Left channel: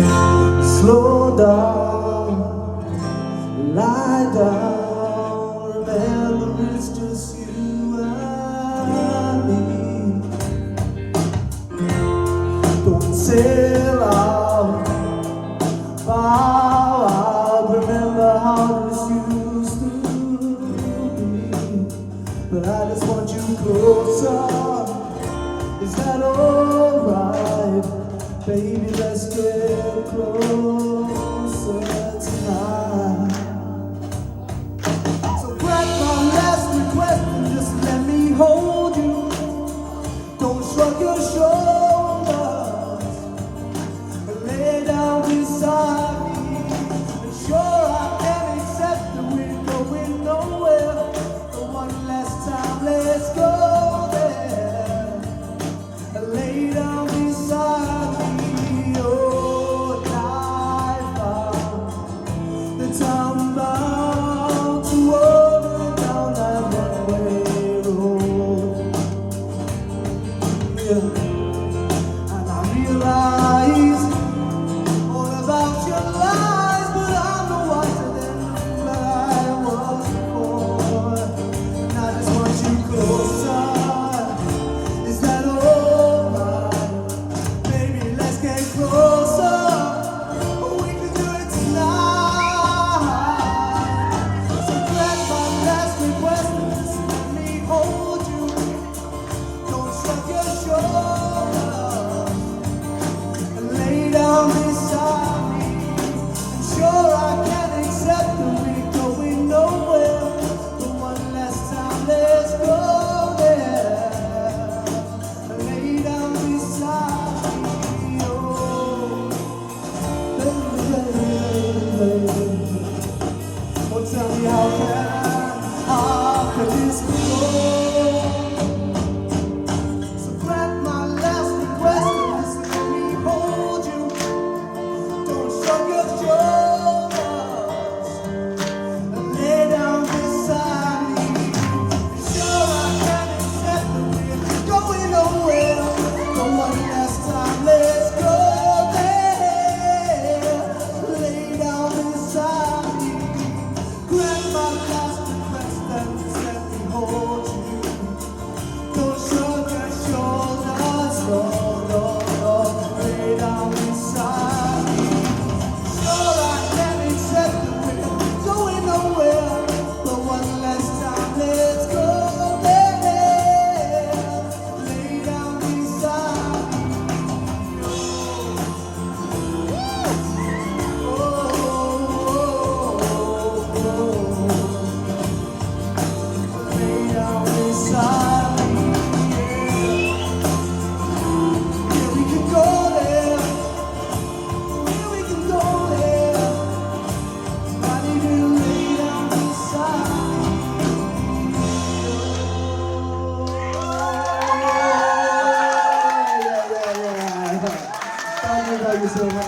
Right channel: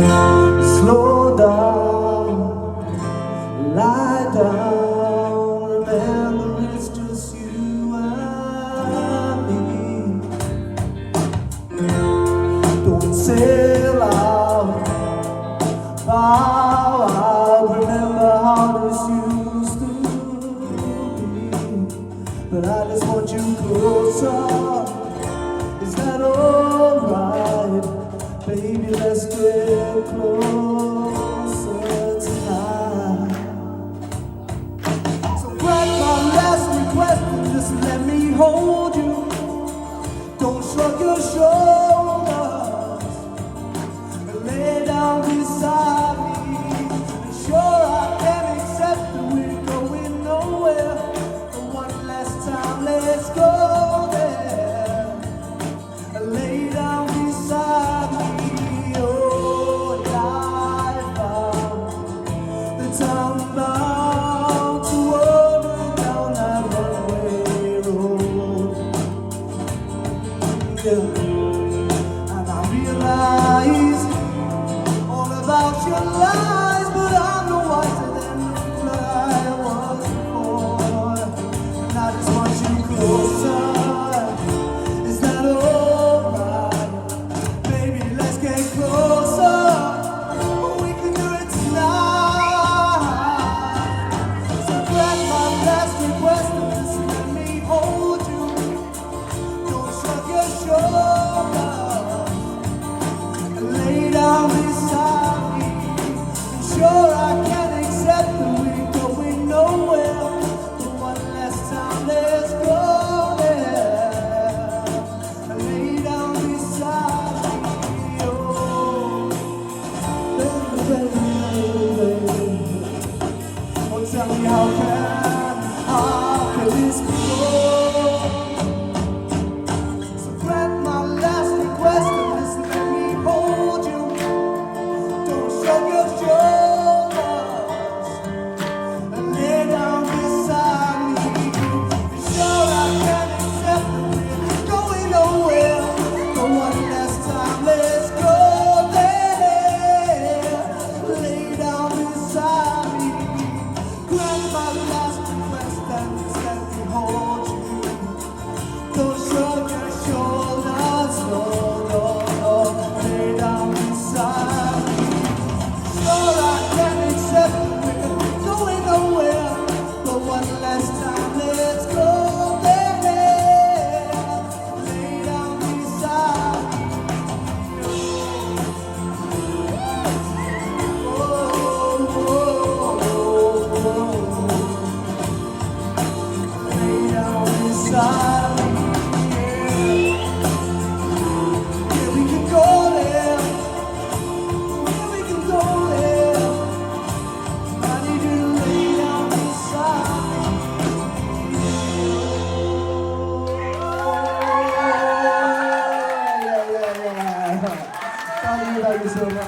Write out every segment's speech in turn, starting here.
Slow down, lie down, remember it's just you and me. Don't sail out, bow out, remember how this used to be. But I just want you closer, is that alright? Baby, let's get closer tonight. So grant my last request and just let me hold you. Don't shrug your shoulders, but lay down beside me. And sure, I can accept that we're going nowhere. But one last time, let's go there and lay down beside me. I'm about to wander down that runaway road, yeah. And I realize all about your lies, but I'm no wiser than I was before. And I just want you closer, is that alright? Baby, let's get closer, we can do it tonight.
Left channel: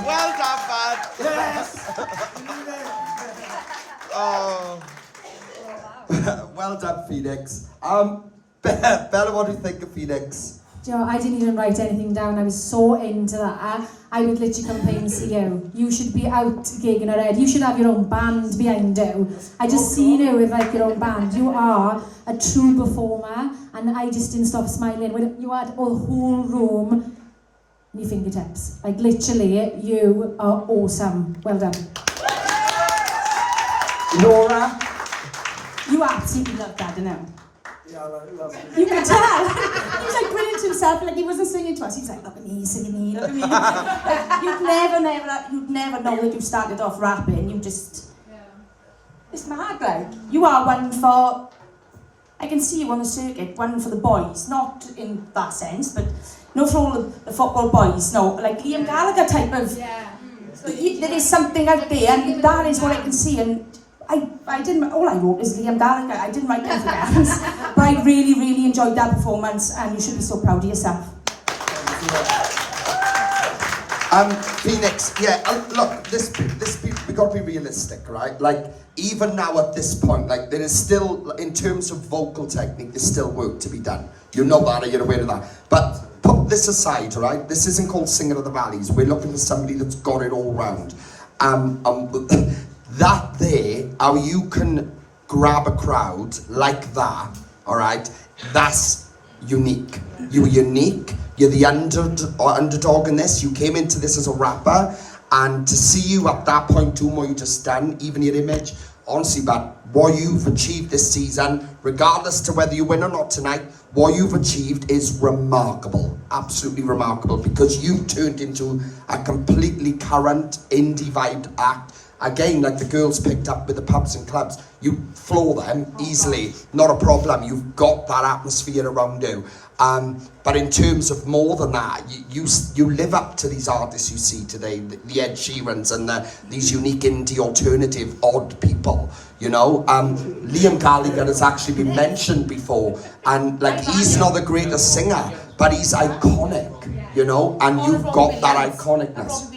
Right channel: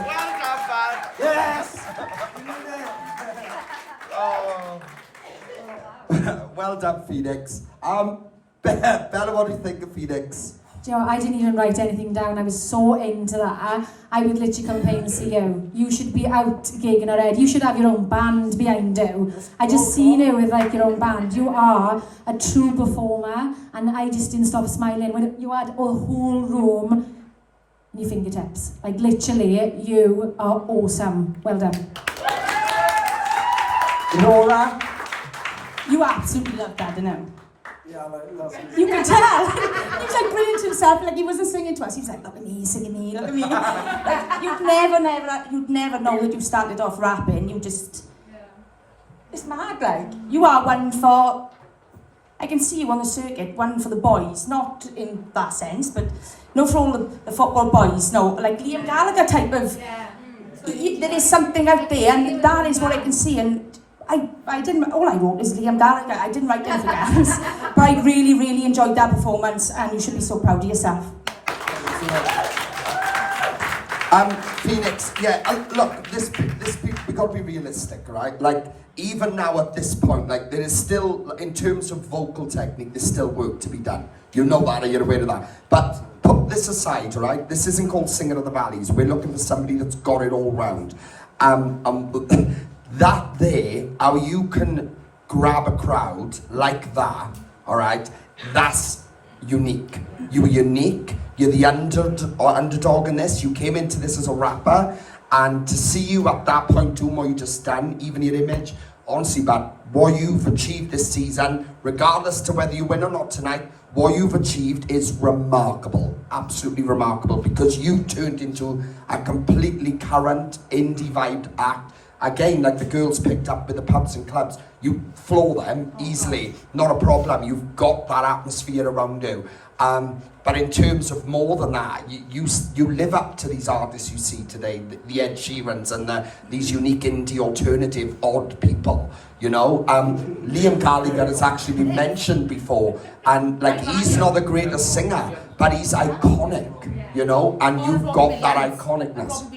Well done, man. Yes! Oh. Well done, Phoenix. Bella, what do you think of Phoenix? Do you know, I didn't even write anything down. I was so into that. I would literally come play and see you. You should be out gigging our head. You should have your own band behind you. I just seen you with like your own band. You are a true performer, and I just didn't stop smiling when you had a whole room in your fingertips. Like literally, you are awesome. Well done. Laura? You absolutely loved that, didn't you? Yeah, I love it. You could tell. He was like brilliant himself, like he wasn't singing to us. He was like, look at me, singing me, look at me. You'd never know that you started off rapping. You just, it's mad, like. You are one for, I can see you on the circuit, one for the boys. Not in that sense, but not for all the football boys, no. Like Liam Gallagher type of, there is something out there, and that is what I can see. And I didn't, all I wrote is Liam Gallagher. I didn't write anything else. But I really, really enjoyed that performance, and you should be so proud of yourself. Phoenix, yeah, look, we've got to be realistic, right? Like, even now at this point, like, there is still, in terms of vocal technique, there's still work to be done. You know that, or you're aware of that. But put this aside, right? This isn't called Singer of the Valleys. We're looking for somebody that's got it all round. That there, how you can grab a crowd like that, all right? That's unique. You're unique. You're the underdog in this. You came into this as a rapper, and to see you at that point doing what you just done, even your image, honestly, but what you've achieved this season, regardless to whether you win or not tonight, what you've achieved is remarkable, absolutely remarkable, because you've turned into a completely current indie vibe act. Again, like the girls picked up with the pubs and clubs, you floor them easily, not a problem. You've got that atmosphere around you. But in terms of more than that, you live up to these artists you see today, the Ed Sheerans and these unique indie alternative odd people, you know. Liam Gallagher has actually been mentioned before, and like he's not the greatest singer, but he's iconic, you know, and you've got that iconicness.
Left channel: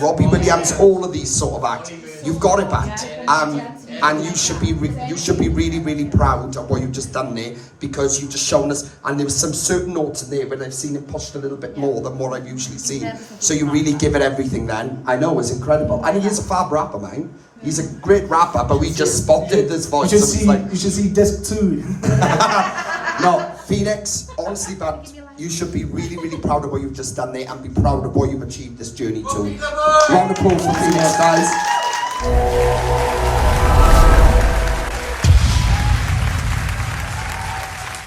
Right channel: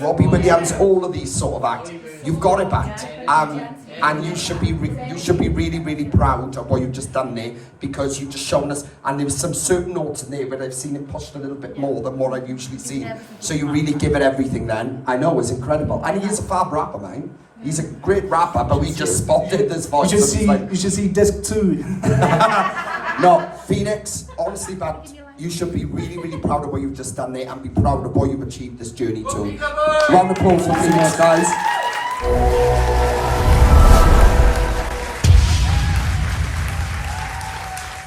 Robbie Williams, all of these sort of acts, you've got it back, and you should be really, really proud of what you've just done there, because you've just shown us, and there was some certain notes in there where I've seen it pushed a little bit more than what I've usually seen. So you really give it everything then. I know, it's incredible. And he is a fab rapper, man. He's a great rapper, but we just spotted this voice. You should see disc 2. No, Phoenix, honestly, but you should be really, really proud of what you've just done there, and be proud of what you've achieved this journey too. Round of applause for Phoenix, guys.